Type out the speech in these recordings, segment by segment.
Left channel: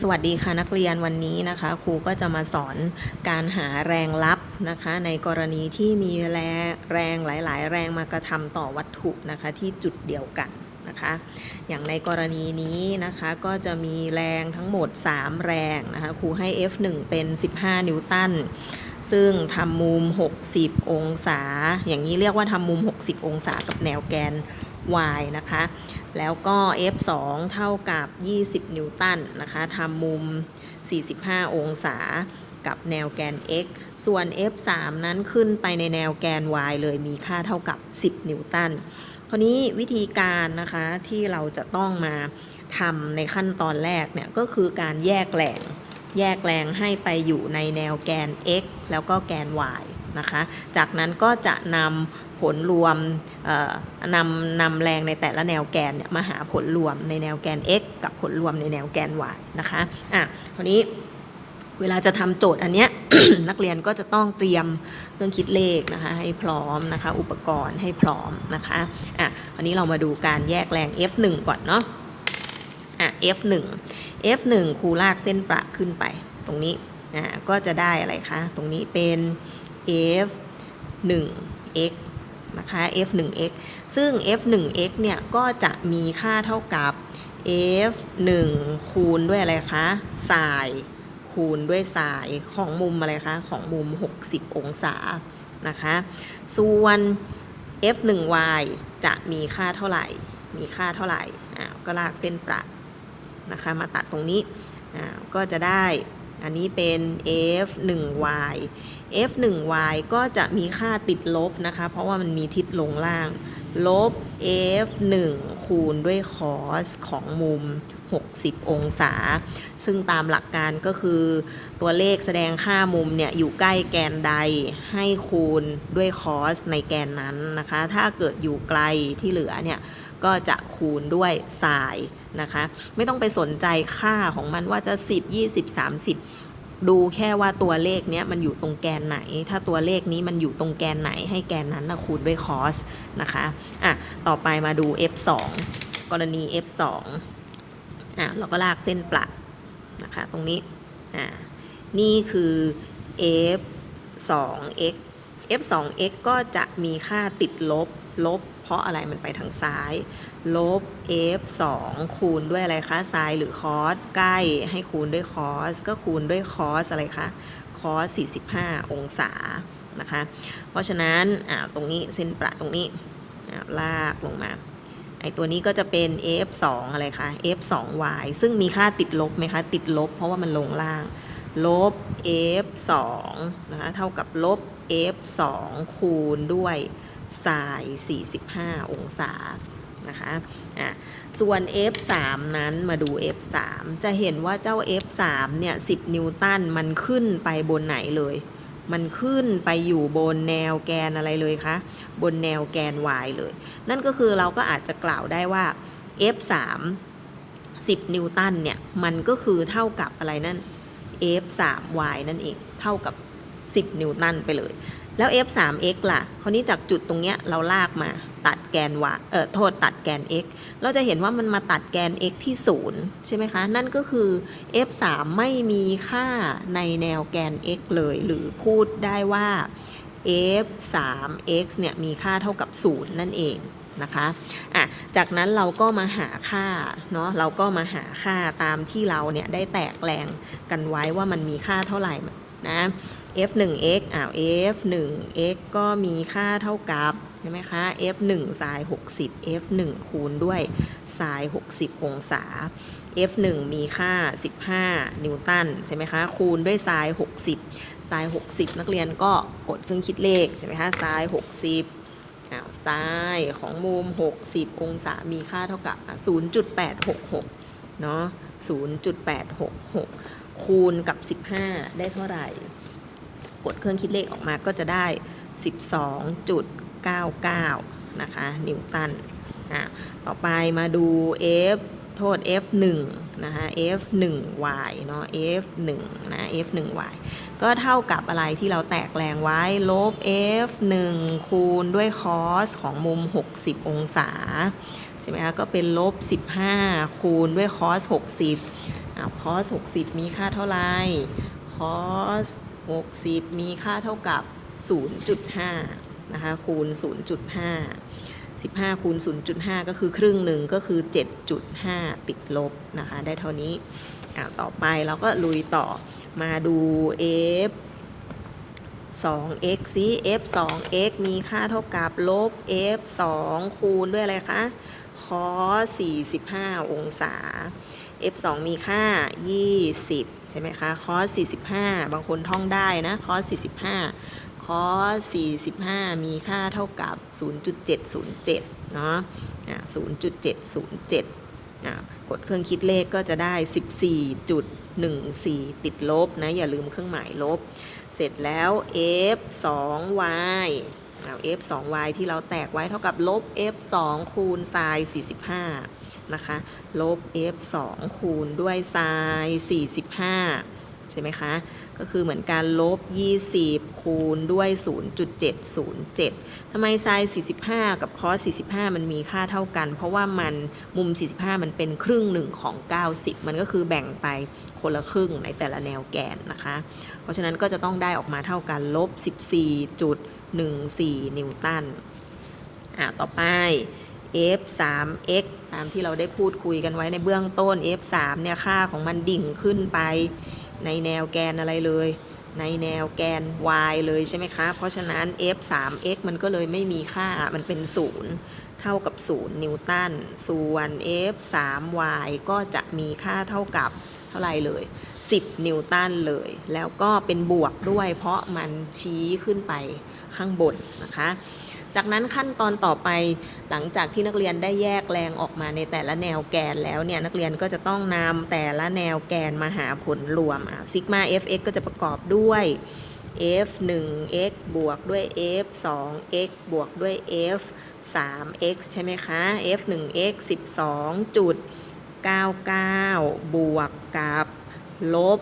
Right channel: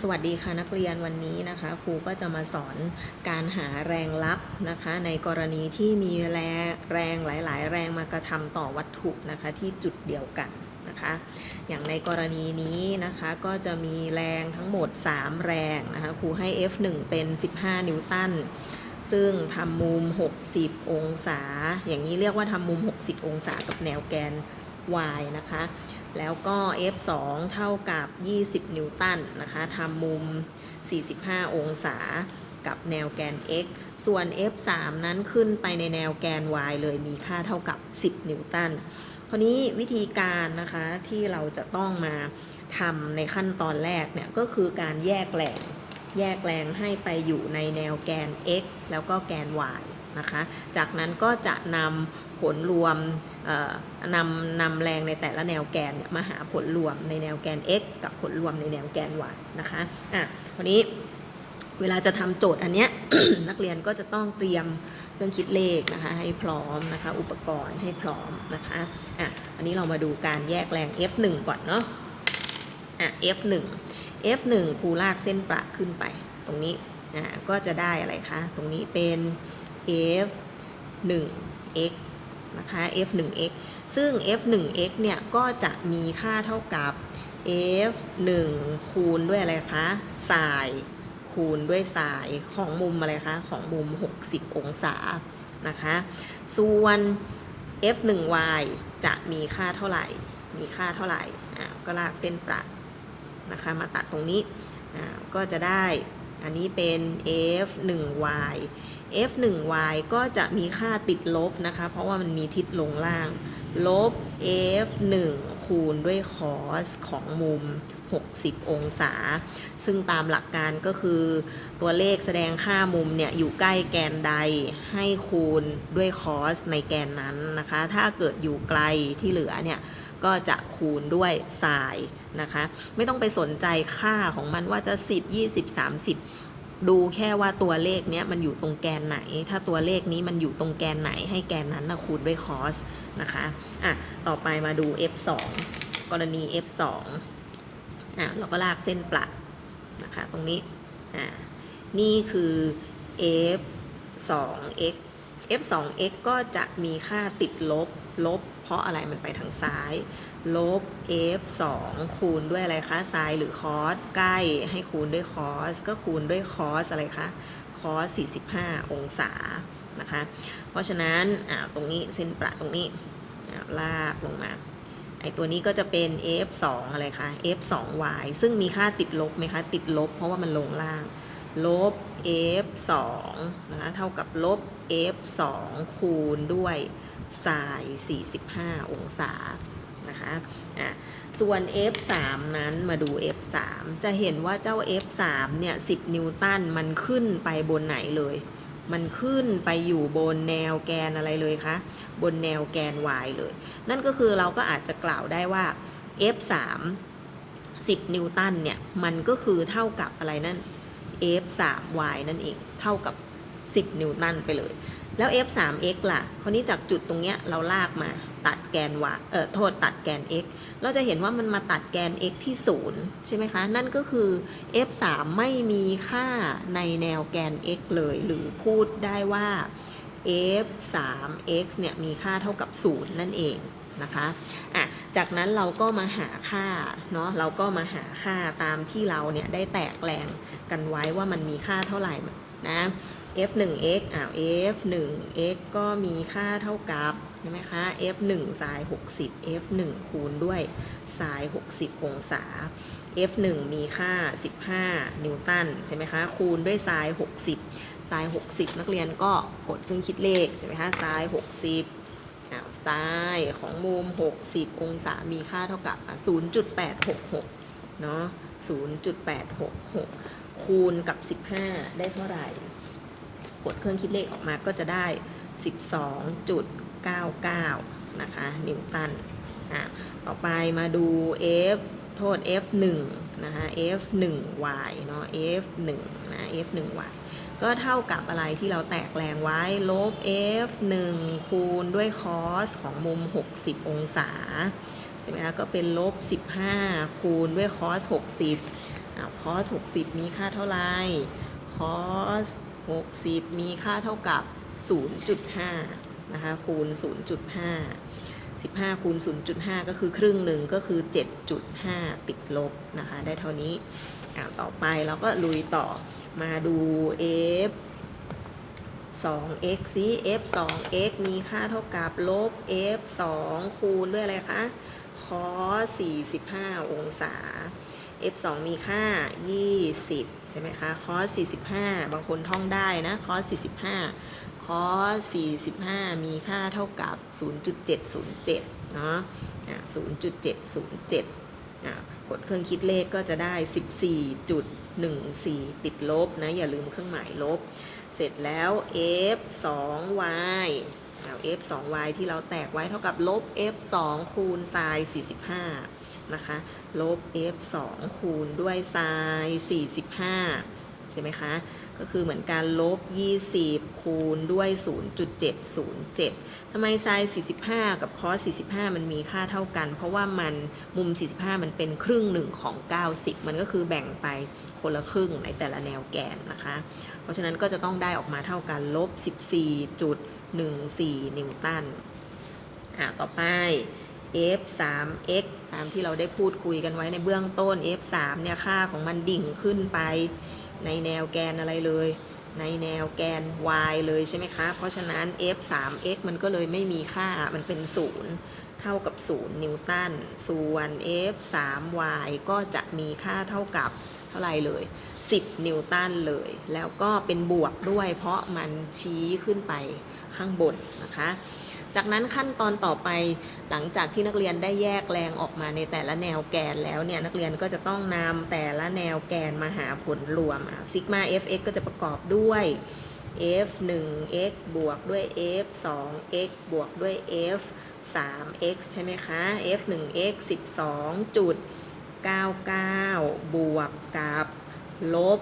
สวัสดีค่ะนักเรียนวันนี้นะคะครูก็จะมาสอนการหาแรงลับนะคะ ในกรณีที่มีแรงแรงหลาย ๆ แรงมากระทำต่อวัตถุนะคะที่จุดเดียวกันนะคะ อย่างในกรณีนี้นะคะก็จะมีแรงทั้งหมด 3 แรงนะคะครูให้ F1 เป็น 15 นิวตันซึ่งทำมุม 60 องศา อย่างนี้เรียกว่าทำมุม 60 องศากับแนวแกน y นะคะ แล้วก็ F2 เท่ากับ 20 นิวตันนะคะทำมุม 45 องศากับแนวแกน x ส่วน F3 นั้นขึ้นไปในแนวแกน y เลยมีค่าเท่ากับ 10 นิวตันทีนี้วิธีการนะคะที่เราจะต้องมาทำในขั้นตอนแรกเนี่ยก็คือการแยกแรงแยกแรงให้ไปอยู่ในแนวแกน x แล้วก็แกน y นะคะ จากนั้นก็จะนำ ผลรวมนำนำแรงในแต่ละแนวแกนมาหาผลรวมในแนวแกน x กับผลรวมในแนวแกน y นะคะอะทีนี้เวลาจะทำโจทย์อันเนี้ยนักเรียนก็จะต้องเตรียมเครื่องคิดเลขนะคะให้พร้อมนะคะอุปกรณ์ให้พร้อมนะคะอะอันนี้เรามาดูการแยกแรง F1 ก่อนเนาะอะ F1 F1 ครูลากเส้นประขึ้นไปตรงนี้อ่าก็จะได้อะไรคะ ตรงนี้เป็น F1x นะคะ F1x ซึ่ง F1x เนี่ยก็จะมีค่าเท่ากับ F1 คูณด้วยอะไรคะสายคูณด้วยสายของมุมอะไรคะ ของมุม 60 องศานะคะ ส่วน F1y จะมีค่าเท่าไหร่ มีค่าเท่าไหร่อ่าก็ลากเส้นประนะคะ มาตัดตรงนี้อ่าก็จะได้ อันนี้เป็น f1y f1y ก็จะมีค่าติดลบนะคะ เพราะว่ามันมีทิศลงล่าง ลบ f1 คูณด้วย cos ของมุม 60 องศา ซึ่งตามหลักการก็คือตัวเลขแสดงค่ามุมเนี่ยอยู่ใกล้แกนใดให้คูณด้วย cos ในแกนนั้นนะคะ ถ้าเกิดอยู่ไกลที่เหลือเนี่ยก็จะคูณด้วย sin นะคะ ไม่ต้องไปสนใจค่าของมันว่าจะ 10 20 30 ดูแค่ว่าตัวเลขเนี้ยมันอยู่ตรงแกนไหน ถ้าตัวเลขนี้มันอยู่ตรงแกนไหน ให้แกนนั้นนะคูณด้วย cos นะคะอะต่อไปมาดู f2 กรณี f2 อะเราก็ลากเส้นประนะคะตรงนี้อ่านี่คือ f2x f2x ก็จะมีค่าติดลบ ลบ เพราะอะไรมันไปทางซ้าย ลบ f 2คูณด้วยอะไรคะ sin หรือ cos ใกล้ให้คูณด้วย cos ก็คูณด้วย cos อะไรคะ cos 45 องศานะคะ เพราะฉะนั้นตรงนี้เส้นประตรงนี้ลากลงมาไอตัวนี้ก็จะเป็น f 2อะไรคะ f 2 y ซึ่งมีค่าติดลบไหมคะ ติดลบเพราะว่ามันลงล่าง ลบ f 2นะคะ เท่ากับลบ f 2คูณด้วย sin 45 องศา นะคะอะส่วน F3 นั้นมาดู F3 จะเห็นว่าเจ้า F3 เนี่ย 10 นิวตันมันขึ้นไปบนไหนเลย มันขึ้นไปอยู่บนแนวแกนอะไรเลยคะ บนแนวแกน y เลย นั่นก็คือเราก็อาจจะกล่าวได้ว่า F3 10 นิวตันเนี่ย มันก็คือเท่ากับอะไรนั่น F3y นั่นเอง เท่ากับ 10 นิวตันไปเลย แล้ว f3x ล่ะคราวนี้จากจุดตรงเนี้ยเราลากมาตัดแกน y เออโทษตัดแกน x เราจะเห็นว่ามันมาตัดแกน x ที่ 0 ใช่ไหมคะ นั่นก็คือ f3 ไม่มีค่าในแนวแกน x เลย หรือพูดได้ว่า f3x เนี่ยมีค่าเท่ากับ 0 นั่นเองนะคะอะจากนั้นเราก็มาหาค่าเนาะเราก็มาหาค่าตามที่เราเนี่ยได้แตกแรงกันไว้ว่ามันมีค่าเท่าไหร่นะ f1x อ้าว f1x ก็มีค่าเท่ากับใช่ไหมคะ f1 sin 60 f1 คูณด้วย sin 60 องศา f1 มีค่า 15 นิวตันใช่ไหมคะ คูณด้วย sin 60 sin 60 นักเรียนก็กดเครื่องคิดเลขใช่ไหมคะ sin 60อ้าว sin ของมุม 60 องศา มีค่าเท่ากับ 0.866 เนาะ0.866 คูณกับ 15 ได้เท่าไหร่ กดเครื่องคิดเลขออกมาก็จะได้ 12.99 นะคะ นิวตันอะต่อไปมาดู F โทษ F1 นะคะ F1y เนาะ F1 นะ F1y ก็เท่ากับอะไรที่เราแตกแรงไว้ ลบ F1 คูณด้วย cos ของมุม 60 องศา ใช่ไหมคะ ก็เป็นลบ 15 คูณด้วย cos 60อ่า cos 60มีค่าเท่าไหร่ cos 60 มีค่าเท่ากับ 0.5 นะคะ คูณ 0.5 15 คูณ 0.5 ก็คือครึ่งหนึ่งก็คือ 7.5 ติดลบนะคะ ได้เท่านี้อ่าต่อไปเราก็ลุยต่อมาดู f 2x ซิ f 2x มีค่าเท่ากับลบ f 2คูณด้วยอะไรคะ cos 45 องศา f 2มีค่า 20 ใช่ไหมคะ cos 45 บางคนท่องได้นะ cos 45 cos 45 มีค่าเท่ากับ 0.707 เนาะ0.707อะกดเครื่องคิดเลขก็จะได้ 14.14 ติดลบนะ อย่าลืมเครื่องหมายลบ เสร็จแล้ว f 2 y f 2 y ที่เราแตกไว้เท่ากับลบ f 2คูณ sin 45 นะคะ ลบ f 2คูณด้วย sin 45 ใช่ไหมคะ ก็คือเหมือนการลบ 20 คูณด้วย 0.707ทำไม sin 45 กับ cos 45 มันมีค่าเท่ากัน เพราะว่ามันมุม 45 มันเป็นครึ่งหนึ่งของ 90 มันก็คือแบ่งไปคนละครึ่งในแต่ละแนวแกนนะคะ เพราะฉะนั้นก็จะต้องได้ออกมาเท่ากันลบ 14 นิวตัน อะต่อไป f 3 x ตามที่เราได้พูดคุยกันไว้ในเบื้องต้น f 3เนี่ยค่าของมันดิ่งขึ้นไป ในแนวแกนอะไรเลย ในแนวแกน y เลยใช่ไหมคะ เพราะฉะนั้น f 3 x มันก็เลยไม่มีค่า มันเป็น 0 เท่ากับ 0 นิวตัน ส่วน f 3 y ก็จะมีค่าเท่ากับ เท่าไรเลย 10 นิวตันเลย แล้วก็เป็นบวกด้วย เพราะมันชี้ขึ้นไปข้างบนนะคะ จากนั้นขั้นตอนต่อไปหลังจากที่นักเรียนได้แยกแรงออกมาในแต่ละแนวแกนแล้วเนี่ย นักเรียนก็จะต้องนำแต่ละแนวแกนมาหาผลรวมซิกมา fx ก็จะประกอบด้วย f 1 x บวกด้วย f 2 x บวกด้วย f 3 x ใช่ไหมคะ f 1 x 12จุด 99 บวกกับลบ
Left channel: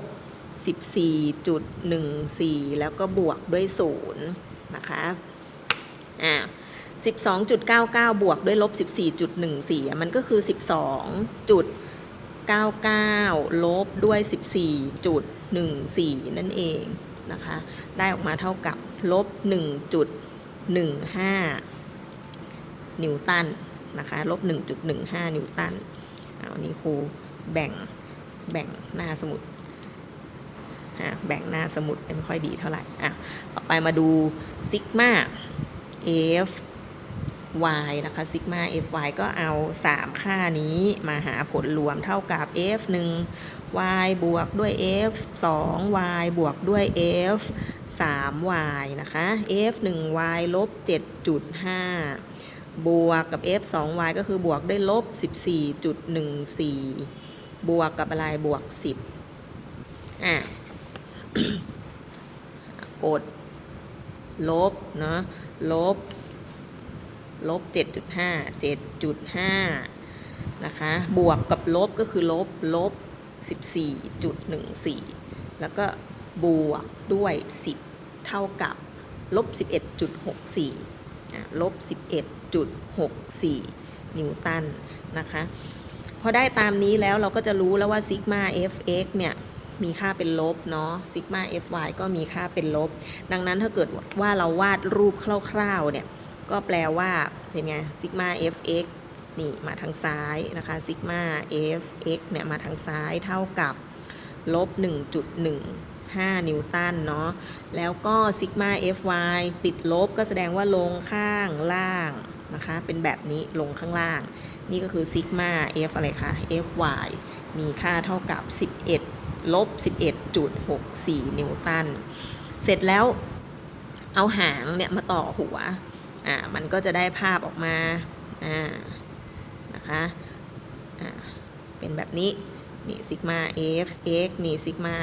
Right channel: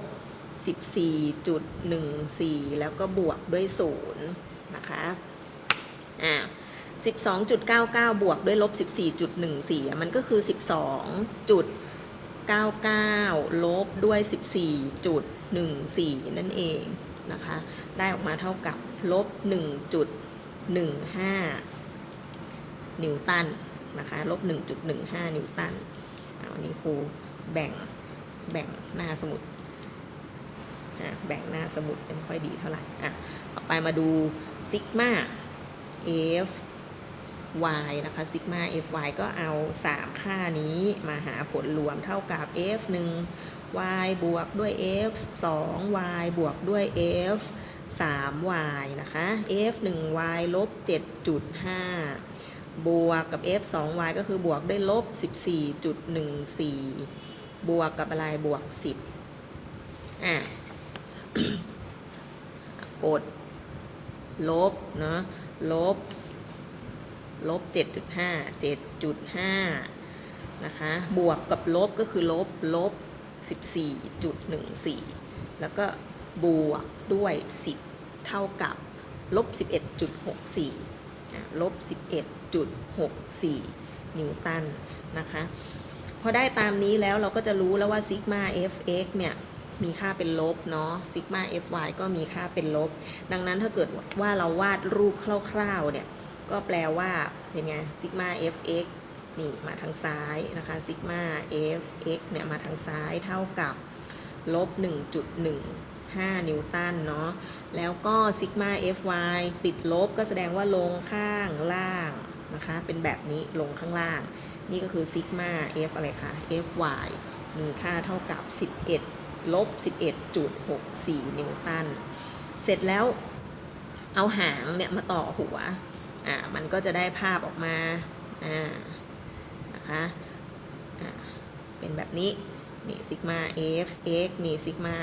14.14 แล้วก็บวกด้วย 0 นะคะอ่า12.99 บวกด้วยลบ 14.14 มันก็คือ 12.99 ลบด้วย 14.14 นั่นเองนะคะ ได้ออกมาเท่ากับลบ 1.15 นิวตันนะคะ ลบ 1.15 นิวตัน นี้ครูแบ่งแบ่งหน้าสมุดแบ่งหน้าสมุดไม่ค่อยดีเท่าไหร่อะต่อไปมาดูซิกมา f y นะคะซิกมา f y ก็เอา 3 ค่านี้มาหาผลรวมเท่ากับ f 1 y บวกด้วย f 2 y บวกด้วย f 3 y นะคะ f 1 y ลบ7.5 บวกกับ f 2 y ก็คือบวกด้วยลบ 14.14 บวกกับอะไรบวก 10 อะ กด ลบ เนาะลบ ลบ 7.5 7.5 นะคะ บวกกับลบก็คือลบ ลบ 14.14 แล้วก็บวกด้วย 10 เท่ากับลบ 11.64 ลบ 11.64 นิวตันนะคะ พอได้ตามนี้แล้วเราก็จะรู้แล้วว่าซิกมา fx เนี่ยมีค่าเป็นลบเนาะซิกมา fy ก็มีค่าเป็นลบ ดังนั้นถ้าเกิดว่าเราวาดรูปคร่าวๆเนี่ย ก็แปลว่าเป็นไงซิกมา fx นี่มาทางซ้ายนะคะซิกมา fx เนี่ยมาทางซ้ายเท่ากับลบ 5 นิวตันเนาะ แล้วก็ซิกมา fy ติดลบก็แสดงว่าลงข้างล่างนะคะ เป็นแบบนี้ลงข้างล่าง นี่ก็คือซิกมา f อะไรคะ fy มีค่าเท่ากับ 11 ลบ 11.64 นิวตัน เสร็จแล้วเอาหางเนี่ยมาต่อหัว อ่า มันก็จะได้ภาพออกมา อ่า นะคะ อ่า เป็นแบบนี้ นี่ซิกมา f x นี่ซิกมา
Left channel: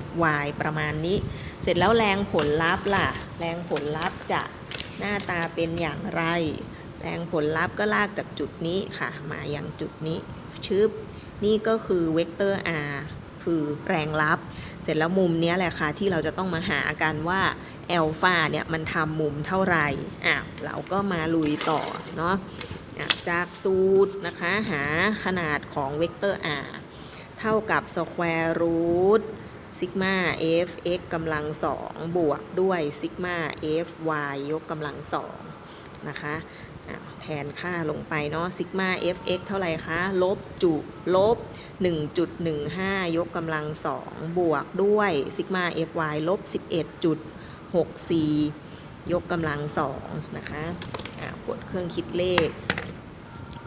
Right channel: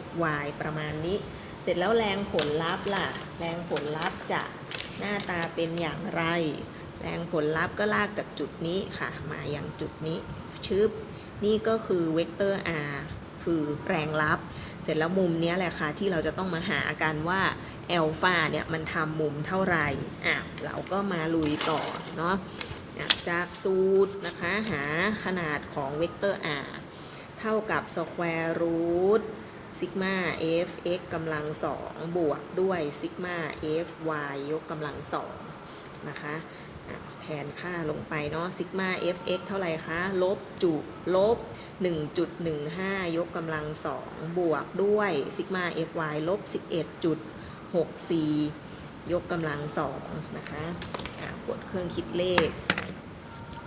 f y ประมาณนี้ เสร็จแล้วแรงผลลัพธ์ล่ะ แรงผลลัพธ์จะหน้าตาเป็นอย่างไร แรงผลลัพธ์ก็ลากจากจุดนี้ค่ะ มาอย่างจุดนี้ ชึบ นี่ก็คือเวกเตอร์ r คือแรงลับ เสร็จแล้วมุมนี้แหละค่ะ ที่เราจะต้องมาหากันว่าแอลฟาเนี่ยมันทำมุมเท่าไหร่อะเราก็มาลุยต่อเนาะจากสูตรนะคะ หาขนาดของเวกเตอร์ r เท่ากับ square root ซิกมา f x กำลังสองบวกด้วยซิกมา f y ยกกำลังสองนะคะแทนค่าลงไปเนาะซิกมา f x เท่าไหร่คะลบจุลบ 1.15 ยกกำลังสองบวกด้วยซิกมา f y ลบ 11.64 ยกกำลังสองนะคะะกดเครื่องคิดเลข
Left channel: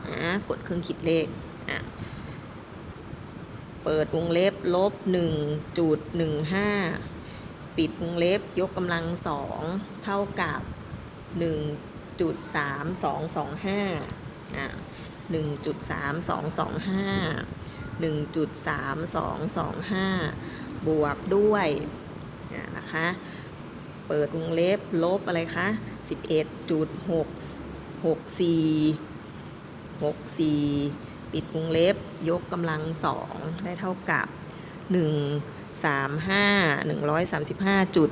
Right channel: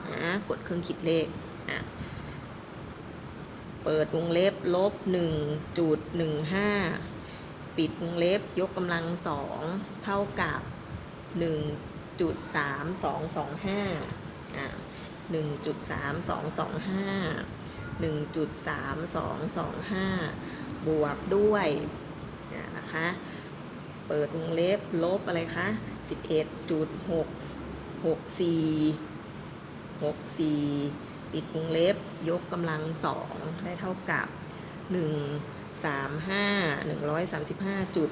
อะกดเครื่องคิดเลข เปิดวงเล็บลบ1.15ปิดวงเล็บยกกำลังสองเท่ากับ1.3225อะ1.3225 1.3225บวกด้วยนะคะ เปิดวงเล็บลบอะไรคะ11.664 64 ปิดวงเล็บ ยกกำลังสองได้เท่ากับ 1 3 5 135จุด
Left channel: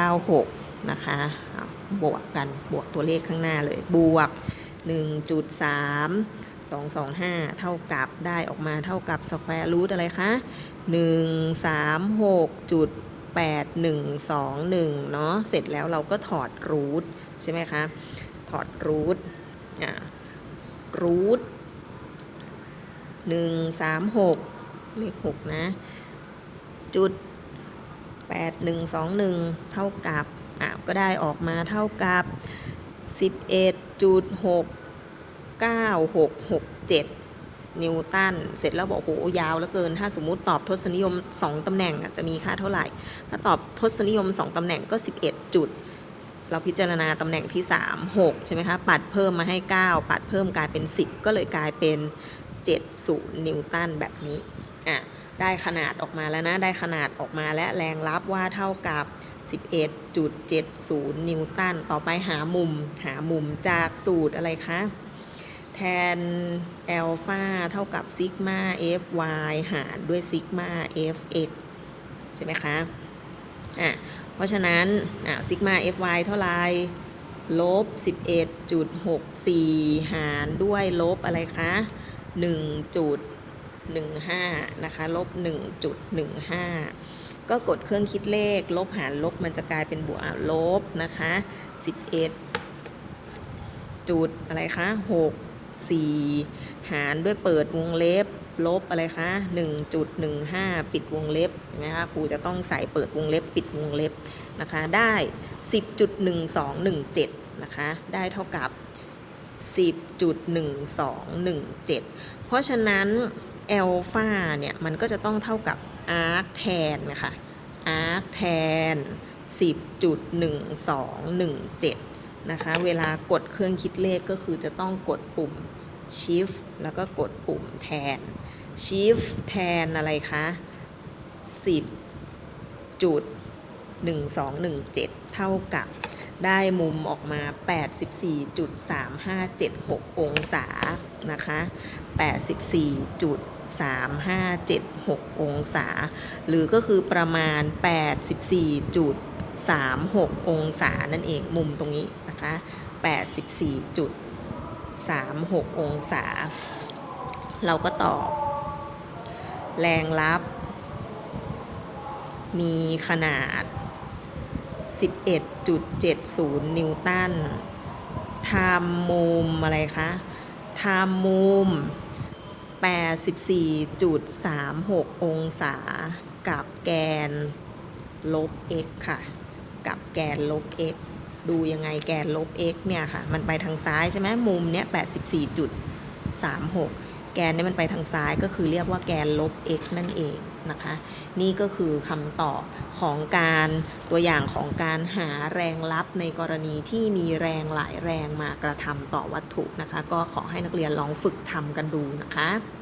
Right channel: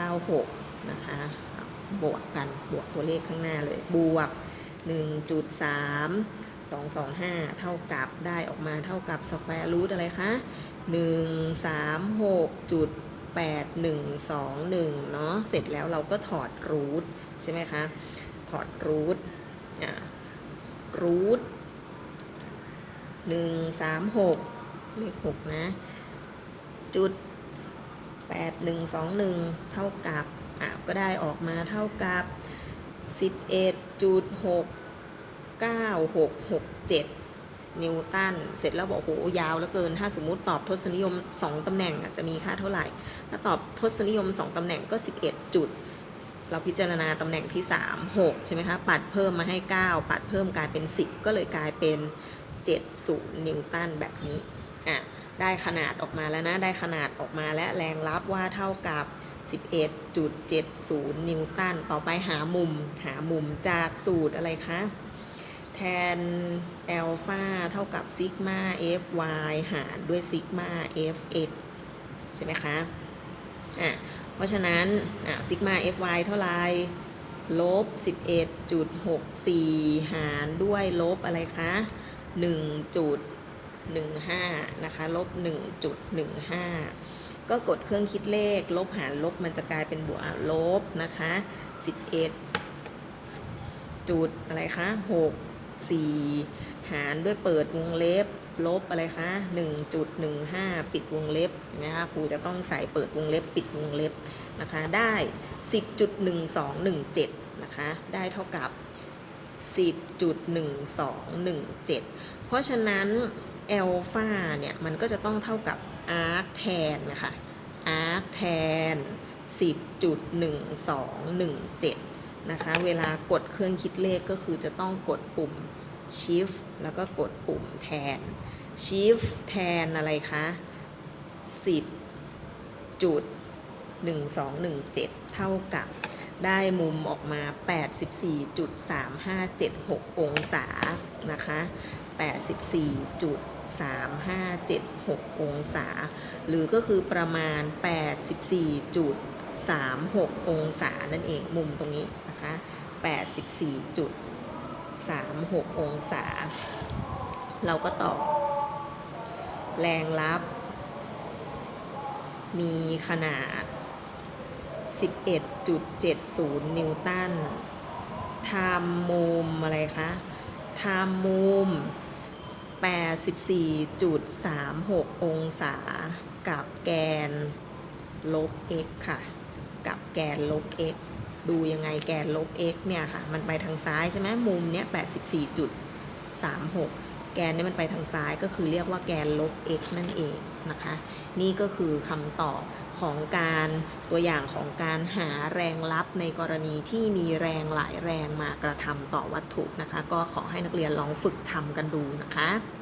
4896 นะคะ บวกกันบวกตัวเลขข้างหน้าเลย บวก 1.3 225 เท่ากับได้ออกมาเท่ากับ square root อะไรคะ136จุด8121 เนาะเสร็จแล้วเราก็ถอดรูทใช่ไหมคะ ถอดรูทอ่า รูทหนึ่งสามหกเลขหกนะ จุดแปดหนึ่งสองหนึ่งเท่ากับอะก็ได้ออกมาเท่ากับสิบเอ็ดจุดหกเก้าหกหกเจ็ดนิวตัน เสร็จแล้วบอกโหยาวเหลือเกิน ถ้าสมมุติตอบทศนิยม 2 ตำแหน่งจะมีค่าเท่าไหร่ ถ้าตอบทศนิยม 2 ตำแหน่งก็ 11 จุด เราพิจารณาตำแหน่งที่ 3 6 ใช่ไหมคะ ปัดเพิ่มมาให้ 9 ปัดเพิ่มกลายเป็น 10 ก็เลยกลายเป็น 70 นิวตันแบบนี้อะได้ขนาดออกมาแล้วนะ ได้ขนาดออกมาและแรงรับว่าเท่ากับ 11.70 นิวตัน ต่อไปหามุม หามุมจากสูตรอะไรคะ แทนแอลฟาเท่ากับซิกมา fy หารด้วยซิกมา fx ใช่ไหมคะ อะ เพราะฉะนั้นซิกมา fy เท่าไหร่ลบ 11.64 หารด้วยลบอะไรคะ1.15 นะคะ ลบ 1.15 ก็กดเครื่องคิดเลข ลบหารลบมันจะกลายเป็นบวกลบนะคะ 11 จุดอะไรคะ 6 4 หารด้วยเปิดวงเล็บ ลบอะไรคะ1.15 ปิดวงเล็บนะคะครูจะต้องใส่เปิดวงเล็บ ปิดวงเล็บนะคะได้ 10.1217 นะคะได้เท่ากับ 10.1217 เพราะฉะนั้นแอลฟาเนี่ยมันก็จะต้องเท่ากับอาร์คแทนนะคะอาร์คแทน 10.1217 นะคะเวลากดเครื่องคิดเลขก็คือจะต้องกดปุ่ม shift แล้วก็กดปุ่มแทน shift แทนอะไรคะ10จุด1217เท่ากับได้มุมออกมา 84.3576 องศา นะคะ 84.3576 องศา หรือก็คือประมาณ 84.36 องศา นั่นเอง มุมตรงนี้นะคะ 84.36 องศา เราก็ตอบ แรงรับ มีขนาด 11.70 นิวตันทำมุมอะไรคะทำมุม 84.36 องศา กับแกนลบ x ค่ะ กับแกนลบ x ดูยังไงแกนลบ x เนี่ยค่ะ มันไปทางซ้ายใช่ไหมมุมเนี้ย84.36 แกนนี่มันไปทางซ้ายก็คือเรียกว่าแกนลบ x นั่นเองนะคะ นี่ก็คือคำตอบของการตัวอย่างของการหาแรงลับในกรณีที่มีแรงหลายแรงมากระทำต่อวัตถุนะคะ ก็ขอให้นักเรียนลองฝึกทำกันดูนะคะ